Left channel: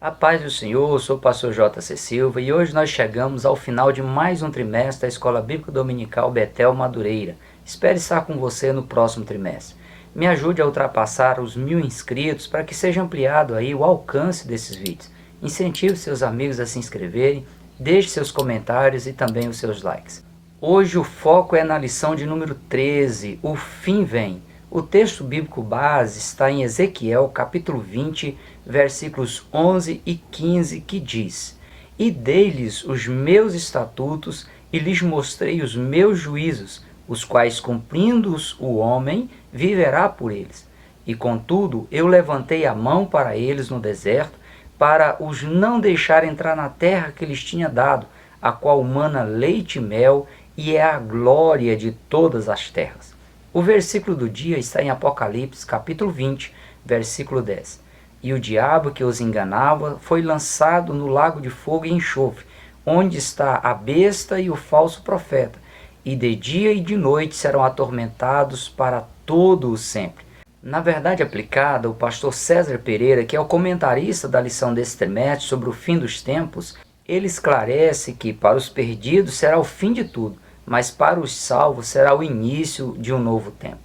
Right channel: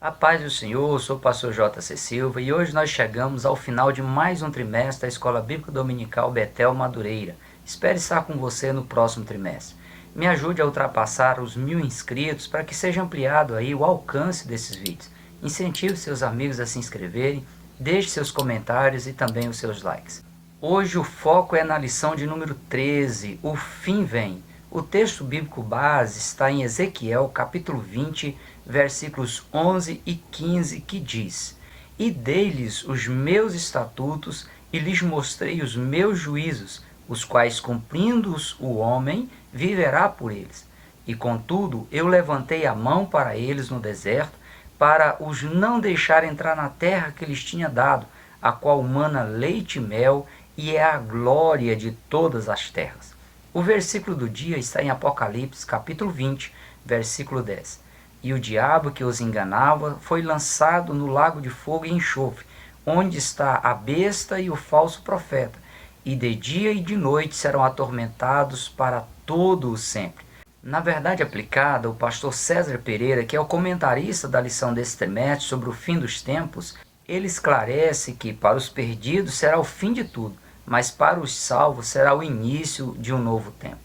A paz do Senhor, eu sou o pastor J.C. Silva e hoje nós chegamos ao final de mais um trimestre da Escola Bíblica Dominical Betel Madureira. Espero estar com você no próximo trimestre. Me ajude a ultrapassar os 1000 inscritos para que seja ampliado aí o alcance desses vídeos. Incentive seus amigos a se inscreverem, deixe seus comentários e também os seus likes. Hoje o foco é na lição de número 13, o fim vem. O texto bíblico base está em Ezequiel capítulo 20, versículos 11 e 15, que diz: E dei-lhes os meus estatutos e lhes mostrei os meus juízos, os quais cumprindo-os o homem viverá por eles. E contudo eu levantei a mão para eles no deserto, para os não deixar entrar na terra que lhes tinha dado, a qual mana leite e mel, e é a glória de todas as terras. O versículo do dia está em Apocalipse, capítulo 20, versículo 10. E o diabo que os enganava foi lançado no lago de fogo e enxofre, onde está a besta e o falso profeta, e de dia e de noite serão atormentados para todo o sempre. Na verdade aplicada, o pastor César Pereira, que é o comentarista da lição desse trimestre sobre o fim dos tempos, ele esclarece que para os perdidos será o fim de tudo, mas para os salvos será o início de um novo tempo.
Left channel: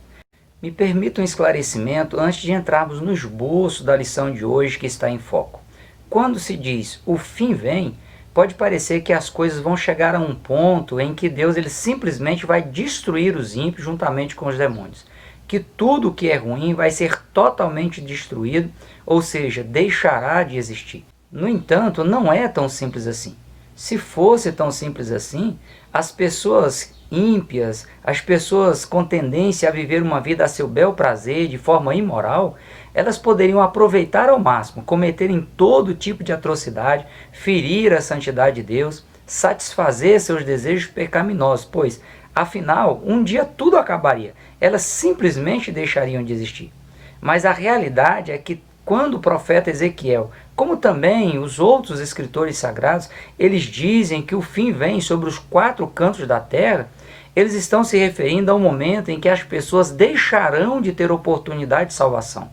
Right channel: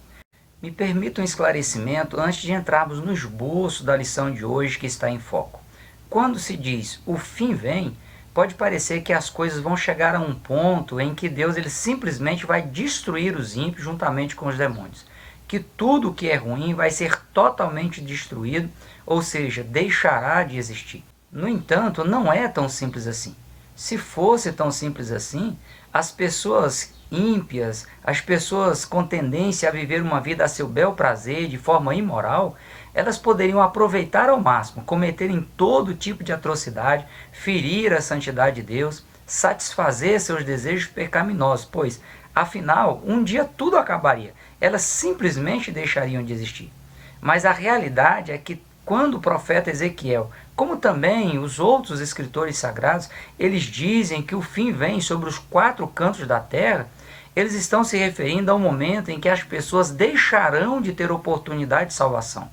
Me permita um esclarecimento antes de entrarmos no esboço da lição de hoje que está em foco. Quando se diz o fim vem, pode parecer que as coisas vão chegar a um ponto em que Deus ele simplesmente vai destruir os ímpios juntamente com os demônios. Que tudo o que é ruim vai ser totalmente destruído, ou seja, deixará de existir. No entanto, não é tão simples assim. Se fosse tão simples assim, as pessoas ímpias, as pessoas com tendência a viver uma vida a seu bel prazer, de forma imoral, elas poderiam aproveitar ao máximo, cometerem todo tipo de atrocidade, ferir a santidade de Deus, satisfazer seus desejos pecaminosos, pois, afinal, um dia tudo acabaria, elas simplesmente deixariam de existir. Mas a realidade é que quando o profeta Ezequiel, como também os outros escritores sagrados, eles dizem que o fim vem sobre os 4 cantos da terra, eles estão se referindo ao momento em que as pessoas deixarão de ter oportunidade de salvação.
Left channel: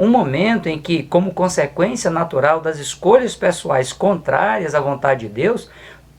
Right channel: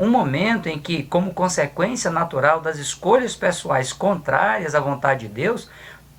Um momento em que, como consequência natural das escolhas pessoais contrárias à vontade de Deus,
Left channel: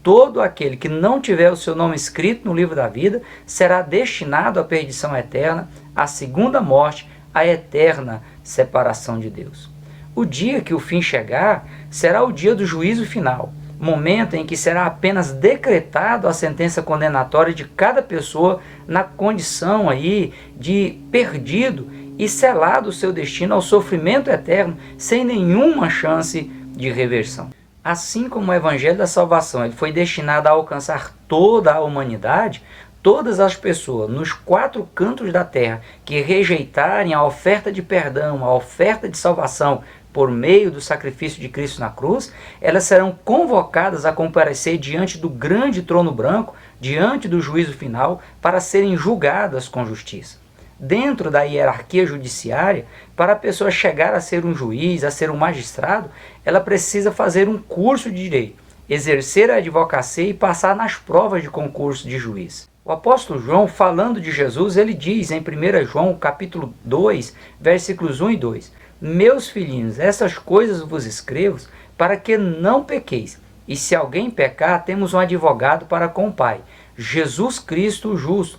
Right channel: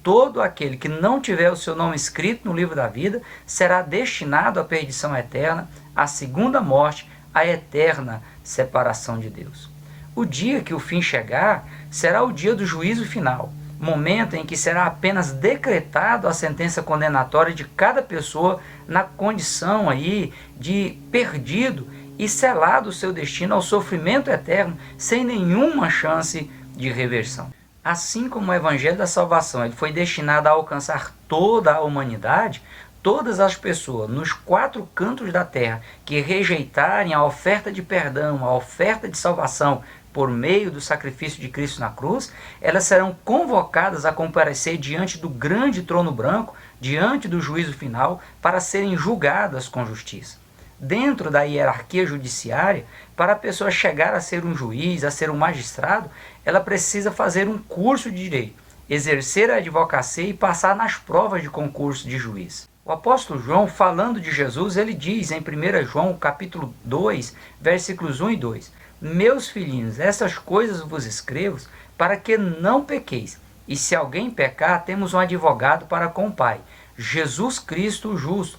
todo aquele que não tiver o seu nome escrito no livro da vida será destinado à perdição eterna, à segunda morte, à eterna separação de Deus. O dia que o fim chegar será o dia do juízo final, momento em que será apenas decretado a sentença condenatória de cada pessoa na condição aí de perdido e selado o seu destino ao sofrimento eterno sem nenhuma chance de reversão. Assim como o Evangelho da Salvação ele foi destinado a alcançar toda a humanidade, todas as pessoas nos 4 cantos da terra que rejeitarem a oferta de perdão, a oferta de salvação por meio do sacrifício de Cristo na cruz, elas serão convocadas a comparecer diante do grande trono branco, diante do juízo final, para serem julgadas com justiça. Dentro da hierarquia judiciária, para a pessoa chegar a ser um juiz, a ser um magistrado, ela precisa fazer um curso de direito, exercer a advocacia e passar nas provas de concurso de juiz. O apóstolo João, falando de Jesus, ele diz em 1 João, capítulo 2, versículos 1 e 2, Meus filhinhos, essas coisas vos escrevo para que não pequeis. E se alguém pecar, temos um advogado para com o Pai, Jesus Cristo o justo.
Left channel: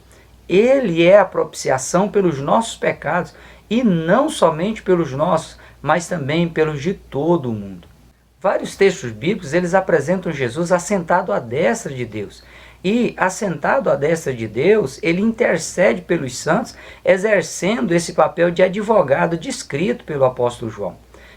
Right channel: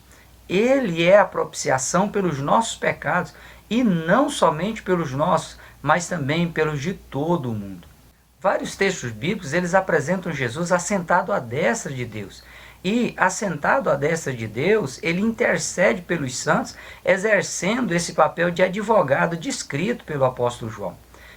Ele é a propiciação pelos nossos pecados, e não somente pelos nossos, mas também pelos de todo o mundo. Vários textos bíblicos eles apresentam Jesus assentado à destra de Deus. E, assentado à destra de Deus, ele intercede pelos santos, exercendo esse papel de advogado descrito pelo apóstolo João.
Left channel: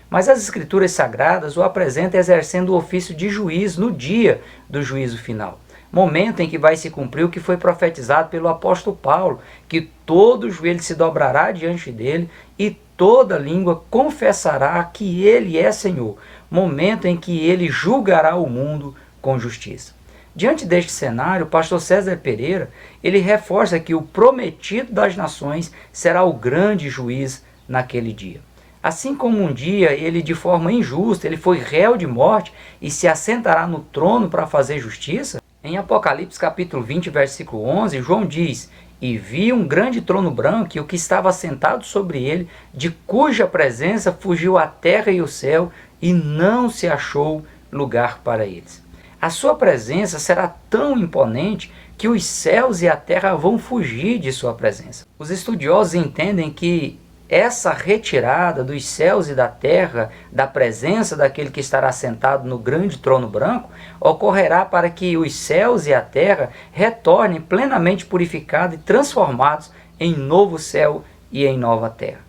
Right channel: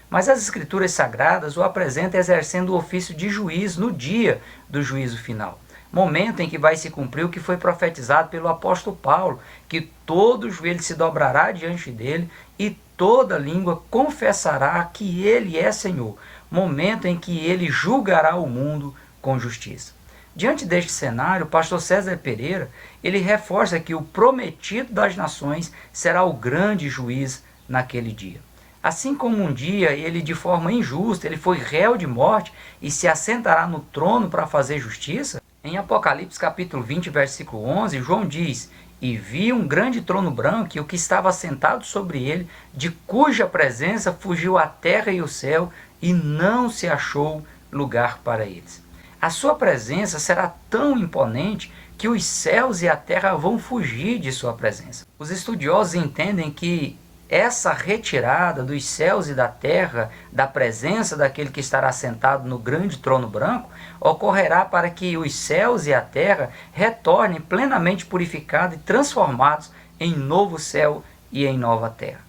Mas as escrituras sagradas o apresentam exercendo o ofício de juiz no dia do juízo final. Momento em que vai se cumprir o que foi profetizado pelo apóstolo Paulo, que todo joelho se dobrará diante dele e toda língua confessará que ele é Senhor. Momento em que ele julgará o mundo com justiça. Diante deste cenário, o pastor César Pereira, ele reforça que o prometido das nações será o grande juiz naquele dia. Assim como um dia ele de forma injusta, ele foi réu de morte e se assentará no trono para fazer justiça, em Apocalipse capítulo 20, versículo 11, João diz, E vi um grande trono branco e o que estava assentado sobre ele, de cuja presença fugiu a terra e o céu, e não se achou lugar para eles. A sua presença será tão imponente que os céus e a terra vão fugir de sua presença. Os estudiosos entendem que essa retirada dos céus e da terra, da presença daquele que estará sentado no grande trono branco, ocorrerá para que os céus e a terra retornem plenamente purificados e transformados em novo céu e em nova terra.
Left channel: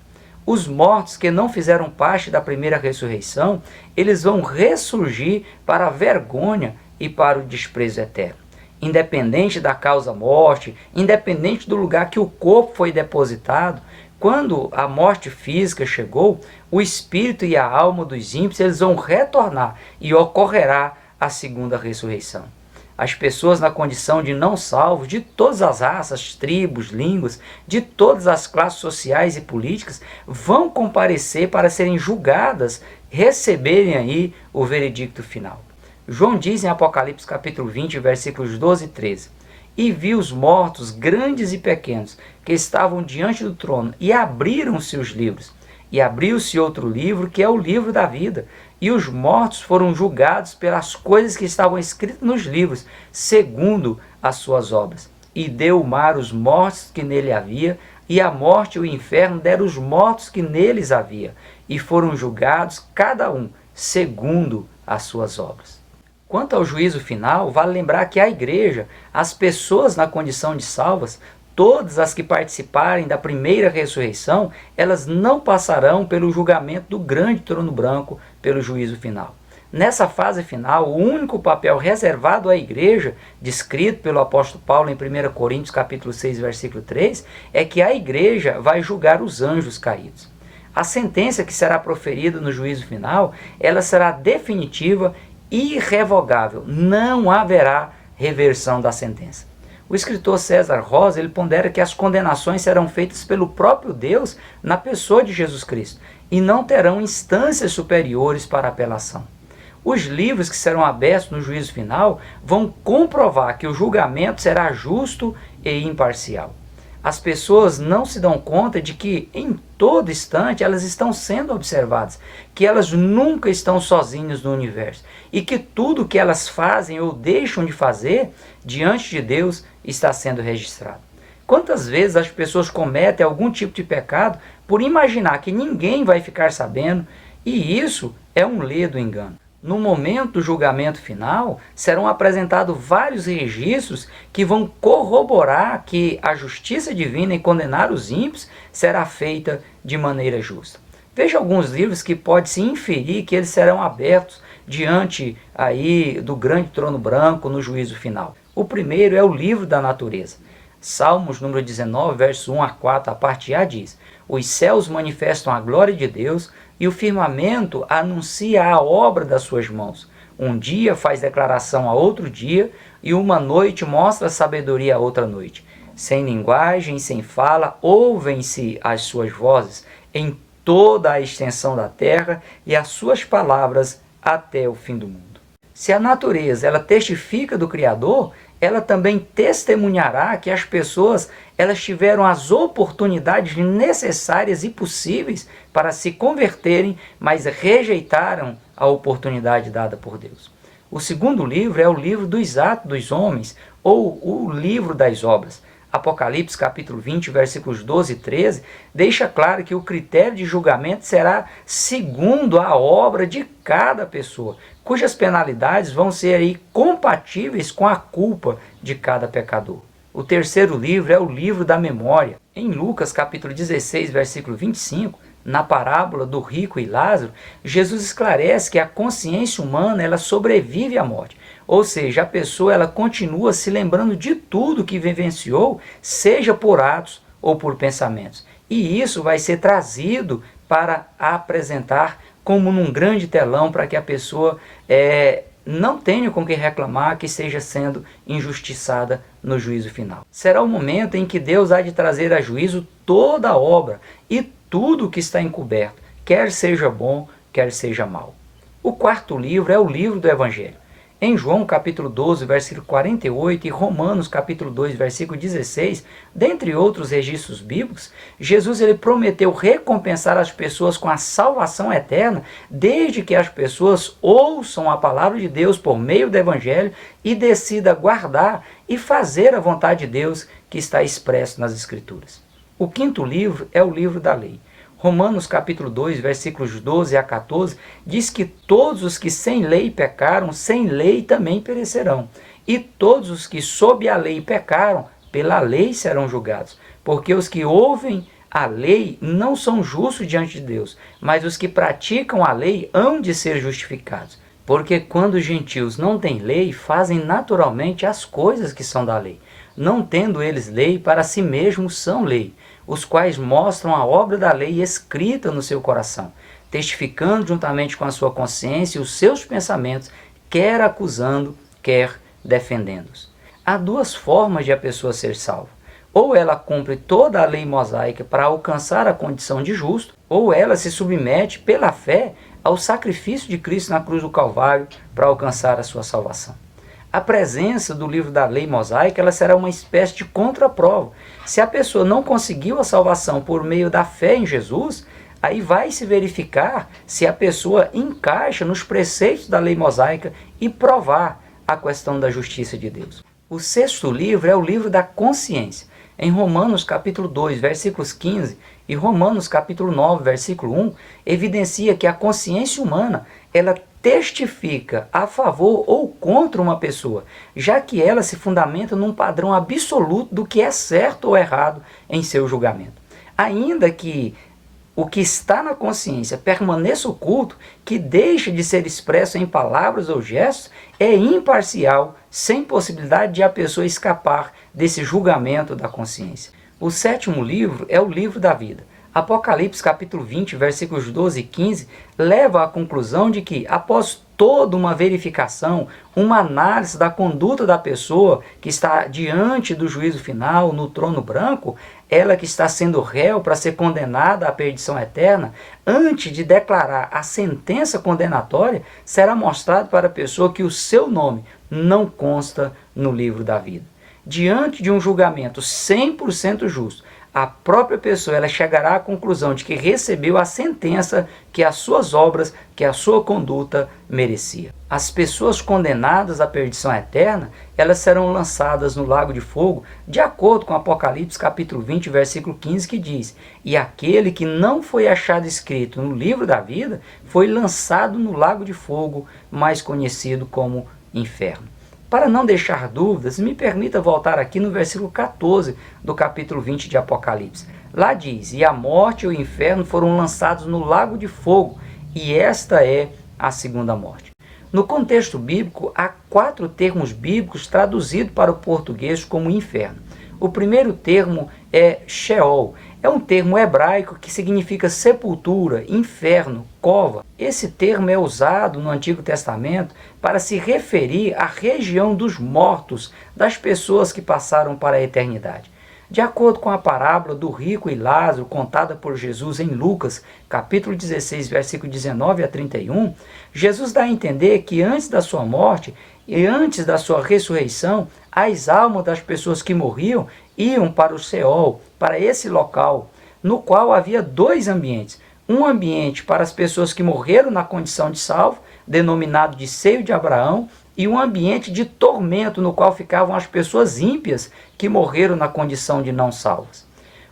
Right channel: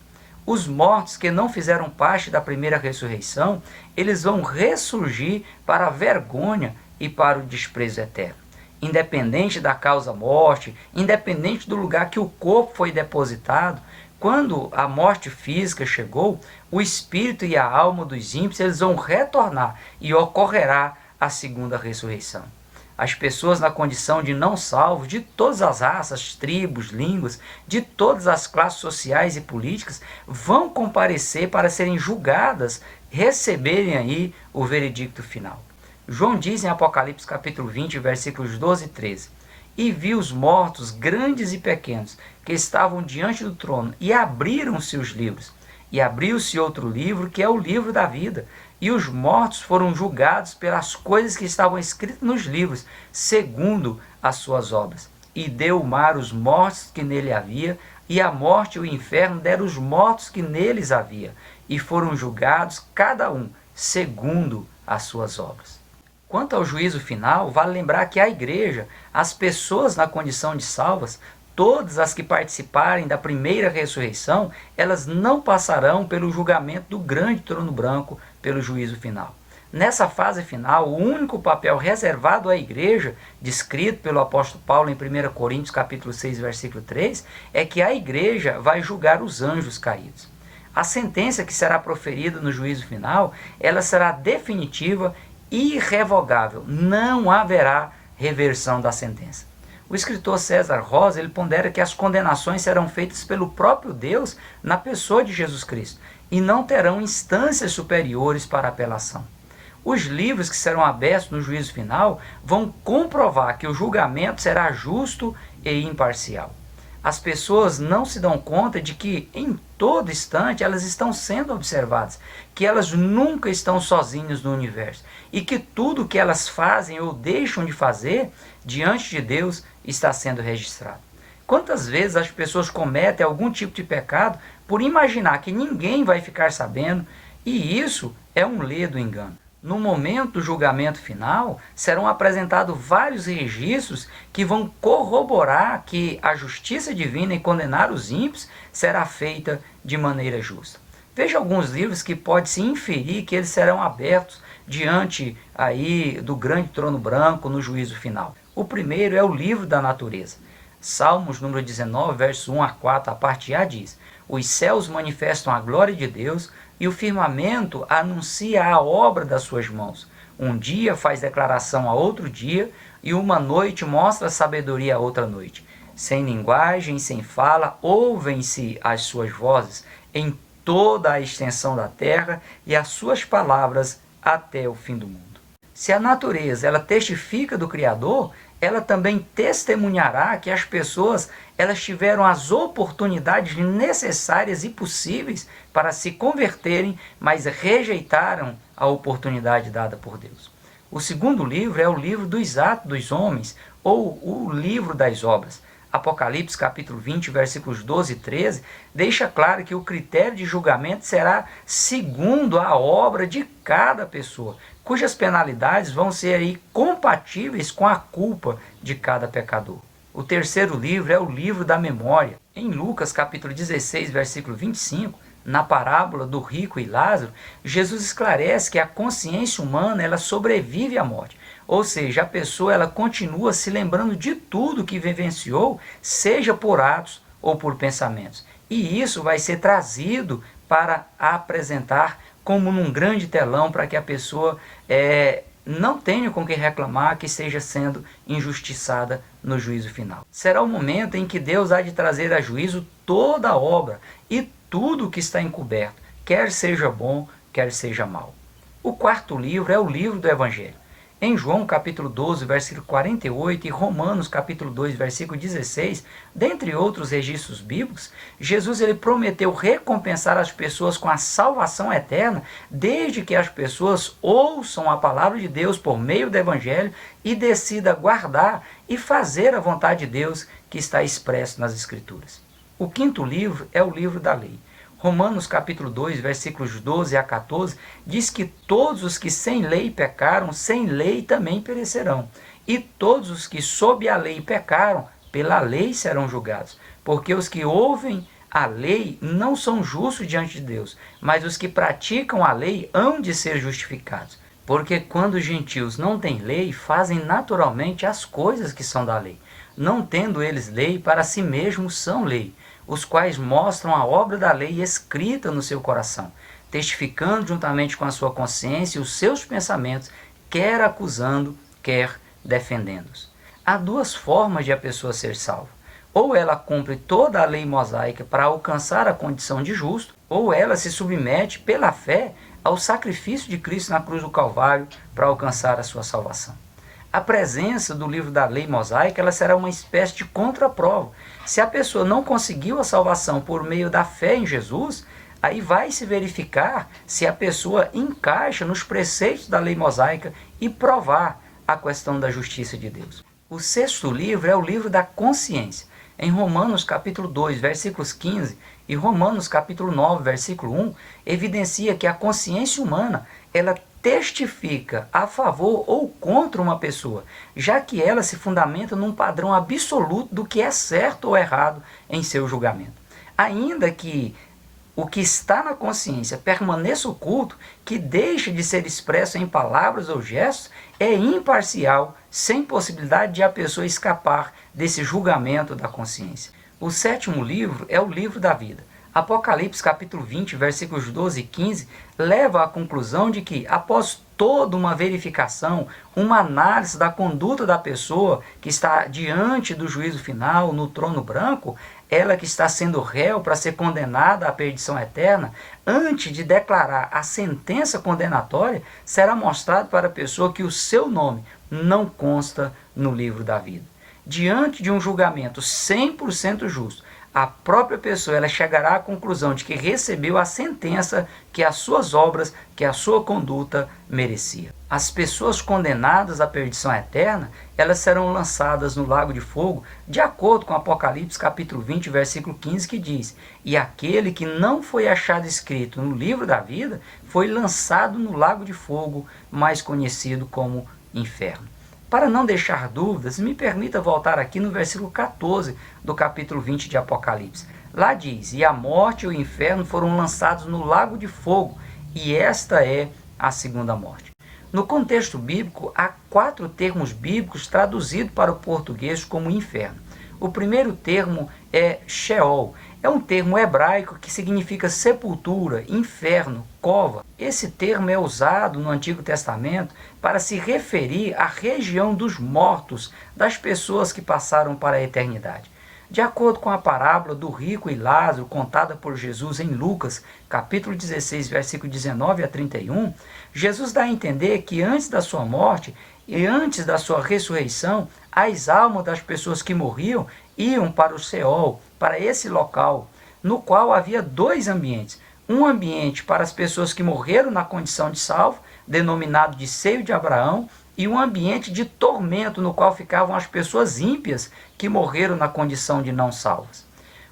Os mortos que não fizeram parte da primeira ressurreição, eles vão ressurgir para a vergonha e para o desprezo eterno. Independente da causa morte, independente do lugar que o corpo foi depositado, quando a morte física chegou, o espírito e a alma dos ímpios eles vão retornar e ocorrerá a segunda ressurreição. As pessoas na condição de não salvos, de todas as raças, tribos, línguas, de todas as classes sociais e políticas, vão comparecer para serem julgadas, receberem aí o veredicto final. João diz em Apocalipse capítulo 20, versículos 12 e 13: E vi os mortos, grandes e pequenos, que estavam diante do trono, e abriram-se os livros. E abriu-se outro livro, que é o livro da vida. E os mortos foram julgados pelas coisas que estavam escritas nos livros, segundo as suas obras. E deu o mar os mortos que nele havia, e a morte e o inferno deram os mortos que neles havia. E foram julgados, cada um, segundo as suas obras. Quanto ao juízo final, vale lembrar que a igreja, as pessoas na condição de salvas, todas as que participarem da primeira ressurreição, elas não passarão pelo julgamento do grande trono branco, pelo juízo final. Nessa fase final, o único papel reservado à igreja, descrito pelo apóstolo Paulo em 1 Coríntios capítulo 6, versículo 3, é que a igreja vai julgar os anjos caídos. A sentença que será proferida no juízo final, ela será definitiva e irrevogável. Não haverá reversão da sentença. O escritor César Rosa, ele pondera que as condenações serão feitas pelo próprio Deus na pessoa de Jesus Cristo e não terão instâncias superiores para apelação. Os livros que serão abertos no juízo final vão comprovar que o julgamento será justo e imparcial. As pessoas não se dão conta de que em todo instante elas estão sendo observadas, que elas nunca estão sozinhas no universo e que tudo que elas fazem ou deixam de fazer diante de Deus está sendo registrado. Quantas vezes as pessoas cometem algum tipo de pecado por imaginar que ninguém vai ficar sabendo, e isso é um ledo engano. No momento do julgamento final, serão apresentados vários registros que vão corroborar que a justiça divina em condenar os ímpios será feita de maneira justa. Veja alguns livros que pode-se inferir que eles serão abertos diante aí do grande trono branco no juízo final. O primeiro é o livro da natureza. Salmos número 19, verso 1 a 4, a parte A diz: Os céus manifestam a glória de Deus, e o firmamento anuncia a obra das suas mãos. Um dia faz declaração a outro dia, e uma noite mostra sabedoria a outra noite. Sem linguagem, sem fala, ouvem-se as suas vozes em toda a extensão da terra, e as suas palavras até o fim do mundo. Se a natureza ela testifica do Criador, ela também testemunhará que as pessoas elas tiveram as oportunidades necessárias e possíveis para se converterem, mas rejeitaram a oportunidade dada por Deus. O segundo livro é o livro dos atos dos homens, ou o livro das obras. Apocalipse capítulo 20, versículos 12 e 13, deixa claro que o critério de julgamento será segundo a obra de cada pessoa, cujas penalidades vão ser aí compatíveis com a culpa de cada pecador. O terceiro livro é o livro da memória. Em Lucas capítulo 16, versículo 25, na parábola do rico e Lázaro, Jesus esclarece que a consciência humana ela sobrevive à morte. Ou seja, a pessoa ela continua se lembrando de tudo que vivenciou, seja por atos ou por pensamentos. E isso vai ser trazido para apresentar como num grande telão, para que a pessoa não tenha com que reclamar que esteja sendo injustiçada no juízo final. Será o momento em que Deus há de trazer a juízo toda a obra e tudo que está encoberto, quer seja bom, quer seja mal. O quarto livro é o livro do Evangelho. Em João capítulo 12, versículo 48 e Romanos capítulo 2, versículo 16, dentre outros registros bíblicos, Jesus ele prometeu recompensar as pessoas com a salvação eterna, desde que as pessoas ouçam a palavra de Deus por meio do Evangelho e decidam guardar e fazer a vontade de Deus que está expresso nas Escrituras. O quinto livro é o livro da lei. Romanos capítulo 2, versículos 12 a 14, diz que todos os que sem lei pecaram, sem lei também perecerão. E todos os que sob a lei pecaram, pela lei serão julgados. Porque os que ouvem a lei não são justos diante de Deus, mas os que praticam a lei hão de ser justificados. Porque quando os gentios não têm lei, fazem naturalmente as coisas que são da lei. Não tendo eles lei, para si mesmos são lei, os quais mostram a obra da lei escrita no seu coração, testificando juntamente com a sua consciência os seus pensamentos, quer acusando, quer defendendo-os. Há duas formas de a pessoa ser salva. Ou ela cumpre toda a lei mosaica para alcançar a condição de justo, ou ela se submete pela fé ao sacrifício de Cristo na cruz do Calvário para alcançar a sua salvação. A presença do livro da lei mosaica ela será uma espécie de contraprova. Se a pessoa não conseguiu a salvação por meio da fé em Jesus, aí vai se verificar se a pessoa encaixa nos preceitos da lei mosaica e provar a questão da justiça de Deus. O sexto livro é o livro da consciência. Em Romanos capítulo 2, versículos 15 e Romanos capítulo 9, versículo 1, evidencia que a consciência humana ela testifica a favor ou contra uma pessoa, já que ela se fundamenta num padrão absoluto do que é certo ou errado em seu julgamento. Ainda que o que está na consciência permaneça oculto, que deixa de ser expresso em palavras ou gestos, é imparcial, sem possibilidade de a pessoa escapar desse julgamento da consciência. O sétimo livro é o livro da vida. Apocalipse capítulo 20, versículos 12 e 15, leva à conclusão de que, após toda uma verificação, uma análise da conduta da pessoa que está diante do juízo final, no trono branco, ela que está sendo réu para ser condenada à perdição eterna, antes de declarar a sentença condenatória, será mostrado para a pessoa que o seu nome não consta no livro da vida. Diante de um julgamento 100% justo, a própria pessoa ela chegará à conclusão de que recebeu a sentença que as suas obras, que a sua conduta merecia. As pessoas condenadas à perdição eterna, elas serão lançadas no lago de fogo, de acordo com Apocalipse capítulo 20, versículo 15, que diz: e aquele que não foi achado escrito no livro da vida, foi lançado no lago de fogo, mais conhecido como inferno. Para não deixar dúvidas, me permita voltar aqui no versículo 14 do capítulo 20 de Apocalipse. Lá diz: e a morte e o inferno foram lançados no lago de fogo, e esta é a segunda morte. No contexto bíblico, há 4 termos bíblicos traduzidos para o português como inferno. O primeiro termo é Sheol. É um termo hebraico que significa sepultura, inferno, cova. Esse termo é usado no Antigo Testamento para se referir à região dos mortos, das pessoas que passaram para a eternidade. De acordo com a parábola do rico e Lázaro, contada por Jesus em Lucas, capítulo 16, versículo 19 a 31, Jesus dá a entender que antes da sua morte e antes da sua ressurreição, as almas das pessoas que morriam iam para o Seol, para esse local, no qual havia 2 ambientes. Um ambiente para as pessoas que morreram na condição de salvo, denominado de seio de Abraão, e um ambiente de tormento, no qual ficavam as pessoas ímpias que morreram na condição de não salvas.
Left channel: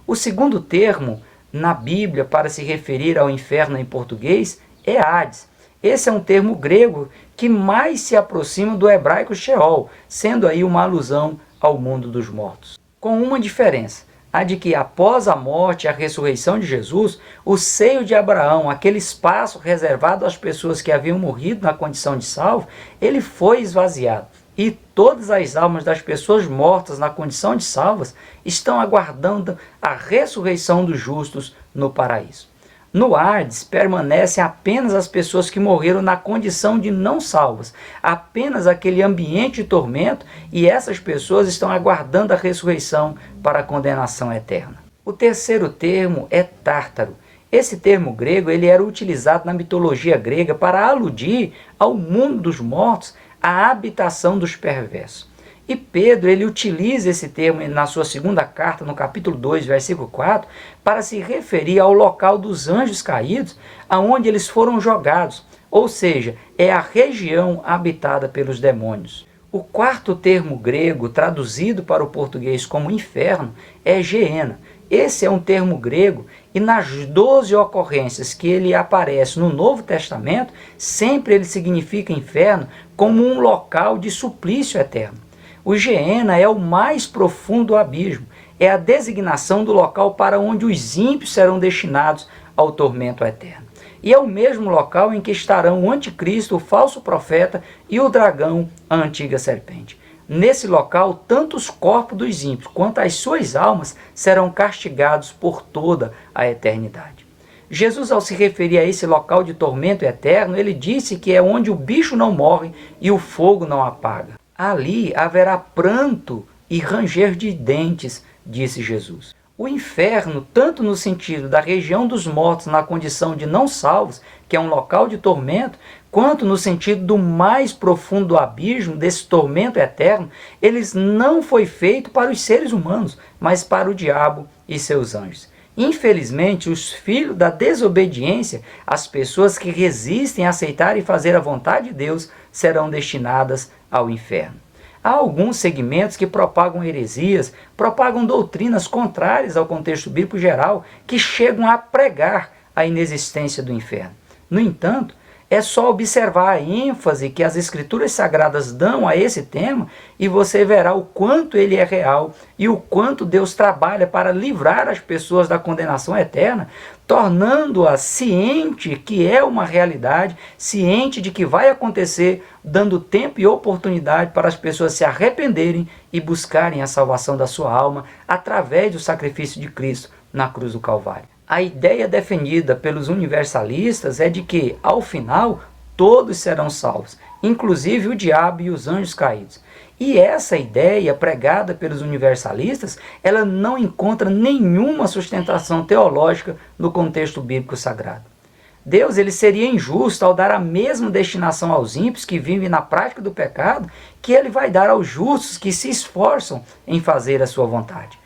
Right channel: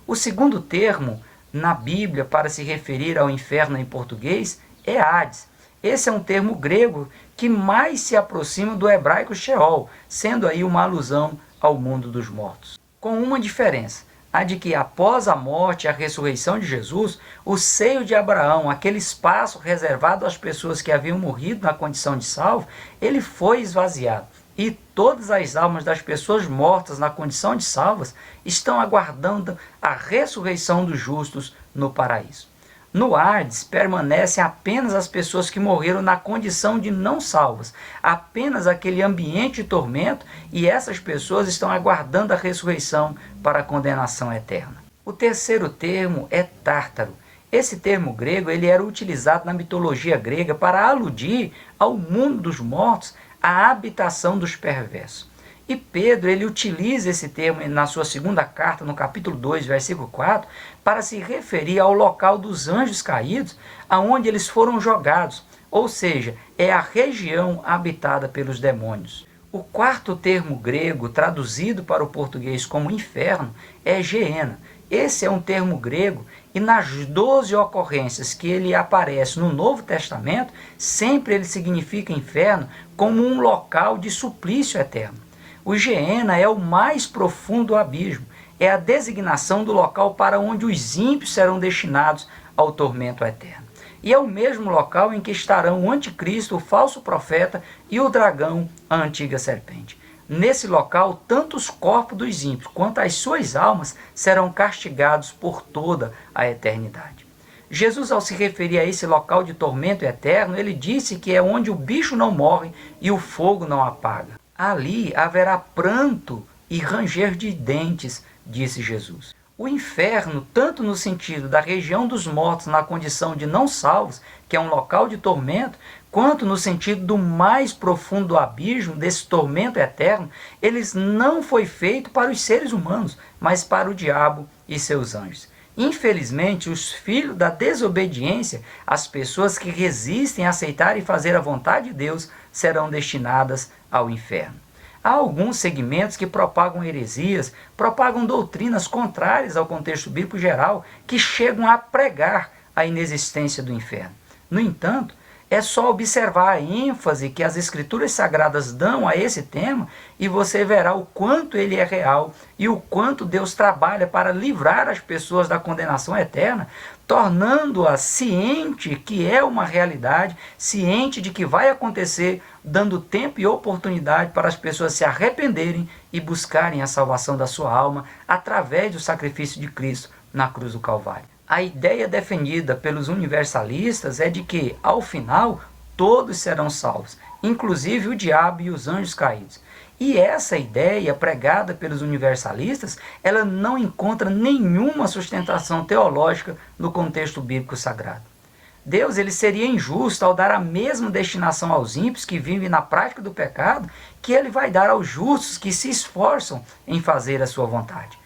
O segundo termo na Bíblia para se referir ao inferno em português é Hades. Esse é um termo grego que mais se aproxima do hebraico Sheol, sendo aí uma alusão ao mundo dos mortos. Com uma diferença, a de que após a morte e a ressurreição de Jesus, o seio de Abraão, aquele espaço reservado às pessoas que haviam morrido na condição de salvo, ele foi esvaziado. E todas as almas das pessoas mortas na condição de salvas estão aguardando a ressurreição dos justos no paraíso. No Hades permanecem apenas as pessoas que morreram na condição de não salvas, apenas aquele ambiente de tormento, e essas pessoas estão aguardando a ressurreição para a condenação eterna. O terceiro termo é Tártaro. Esse termo grego ele era utilizado na mitologia grega para aludir ao mundo dos mortos, a habitação dos perversos. E Pedro, ele utiliza esse termo na sua segunda carta, no capítulo 2, versículo 4, para se referir ao local dos anjos caídos, aonde eles foram jogados, ou seja, é a região habitada pelos demônios. O quarto termo grego, traduzido para o português como inferno, é Geena. Esse é um termo grego e nas 12 ocorrências que ele aparece no Novo Testamento, sempre ele significa inferno como um local de suplício eterno. O Geena é o mais profundo abismo, é a designação do local para onde os ímpios serão destinados ao tormento eterno. E é o mesmo local em que estarão o anticristo, o falso profeta e o dragão, a antiga serpente. Nesse local, tanto os corpos dos ímpios quanto as suas almas serão castigados por toda a eternidade. Jesus, ao se referir a esse local de tormento eterno, ele disse que é onde o bicho não morre e o fogo não apaga. Ali haverá pranto e ranger de dentes, disse Jesus. O inferno, tanto no sentido da região dos mortos na condição de não salvos, que é um local de tormento, quanto no sentido do mais profundo abismo, desse tormento eterno, eles não foi feito para os seres humanos, mas para o diabo e seus anjos. Infelizmente, os filhos da desobediência, as pessoas que resistem a aceitar e fazer a vontade de Deus, serão destinadas ao inferno. Há alguns segmentos que propagam heresias, propagam doutrinas contrárias ao contexto bíblico geral, que chegam a pregar a inexistência do inferno. No entanto, é só observar a ênfase que as Escrituras Sagradas dão a esse tema e você verá o quanto ele é real e o quanto Deus trabalha para livrar as pessoas da condenação eterna, tornando-as ciente que é uma realidade, ciente de que vai acontecer, dando tempo e oportunidade para as pessoas se arrependerem e buscarem a salvação da sua alma através do sacrifício de Cristo na cruz do Calvário. A ideia defendida pelos universalistas é de que, ao final, todos serão salvos, inclusive o diabo e os anjos caídos. E essa ideia pregada pelos universalistas, ela não encontra nenhuma sustentação teológica no contexto bíblico sagrado. Deus, ele seria injusto ao dar a mesma destinação aos ímpios que vivem na prática do pecado que ele vai dar aos justos que se esforçam em fazer a sua vontade.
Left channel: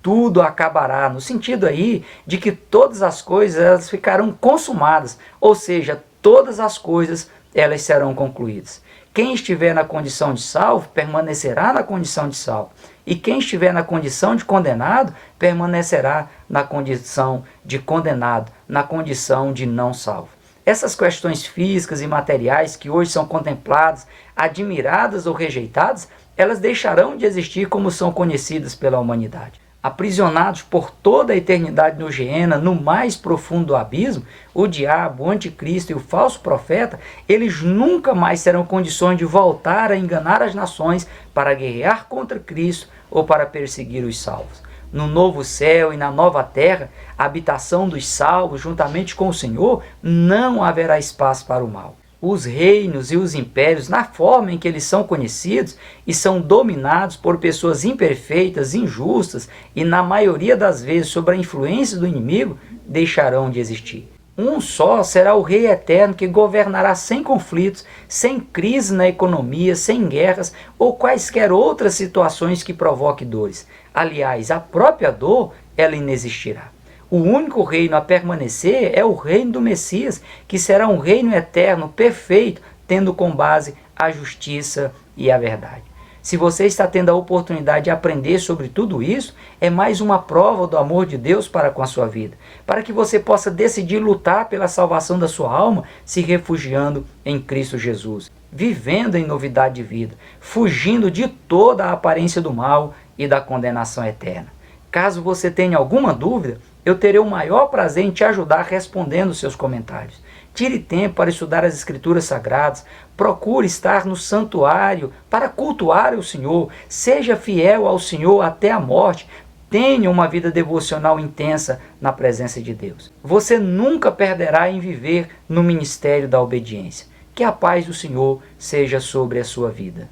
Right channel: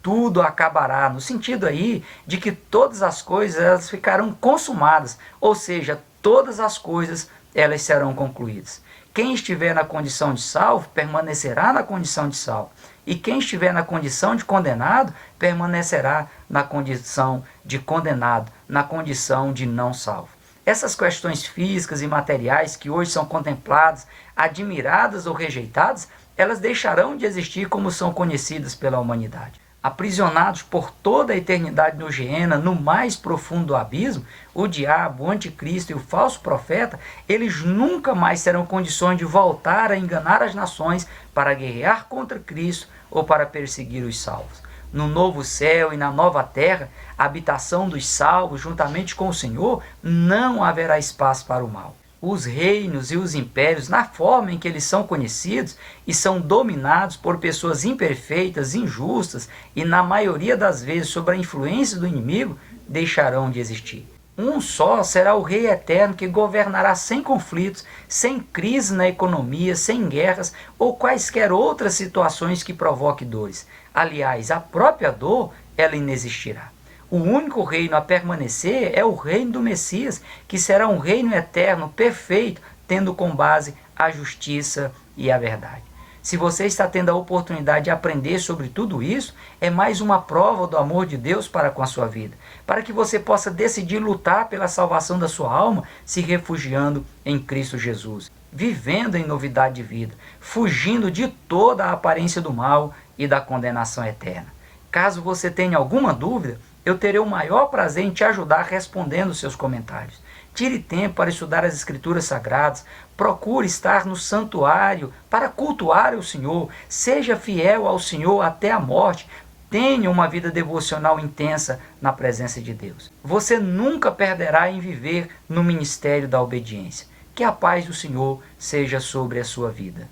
Tudo acabará, no sentido aí de que todas as coisas elas ficarão consumadas, ou seja, todas as coisas elas serão concluídas. Quem estiver na condição de salvo, permanecerá na condição de salvo. E quem estiver na condição de condenado, permanecerá na condição de condenado, na condição de não salvo. Essas questões físicas e materiais que hoje são contempladas, admiradas ou rejeitadas, elas deixarão de existir como são conhecidas pela humanidade. Aprisionados por toda a eternidade no Geena, no mais profundo abismo, o diabo, o anticristo e o falso profeta, eles nunca mais terão condições de voltar a enganar as nações para guerrear contra Cristo ou para perseguir os salvos. No novo céu e na nova terra, a habitação dos salvos, juntamente com o Senhor, não haverá espaço para o mal. Os reinos e os impérios, na forma em que eles são conhecidos e são dominados por pessoas imperfeitas, injustas e, na maioria das vezes, sob a influência do inimigo, deixarão de existir. Um só será o Rei eterno que governará sem conflitos, sem crise na economia, sem guerras ou quaisquer outras situações que provoquem dores. Aliás, a própria dor, ela inexistirá. O único reino a permanecer é o reino do Messias, que será um reino eterno, perfeito, tendo como base a justiça e a verdade. Se você está tendo a oportunidade de aprender sobre tudo isso, é mais uma prova do amor de Deus para com a sua vida, para que você possa decidir lutar pela salvação da sua alma, se refugiando em Cristo Jesus, vivendo em novidade de vida, fugindo de toda a aparência do mal e da condenação eterna. Caso você tenha alguma dúvida, eu terei o maior prazer em te ajudar respondendo os seus comentários. Tire tempo para estudar as Escrituras Sagradas, procure estar no santuário para cultuar o Senhor, seja fiel ao Senhor até a morte, tenha uma vida devocional intensa na presença de Deus. Você nunca perderá em viver no ministério da obediência. Que a paz do Senhor seja sobre a sua vida.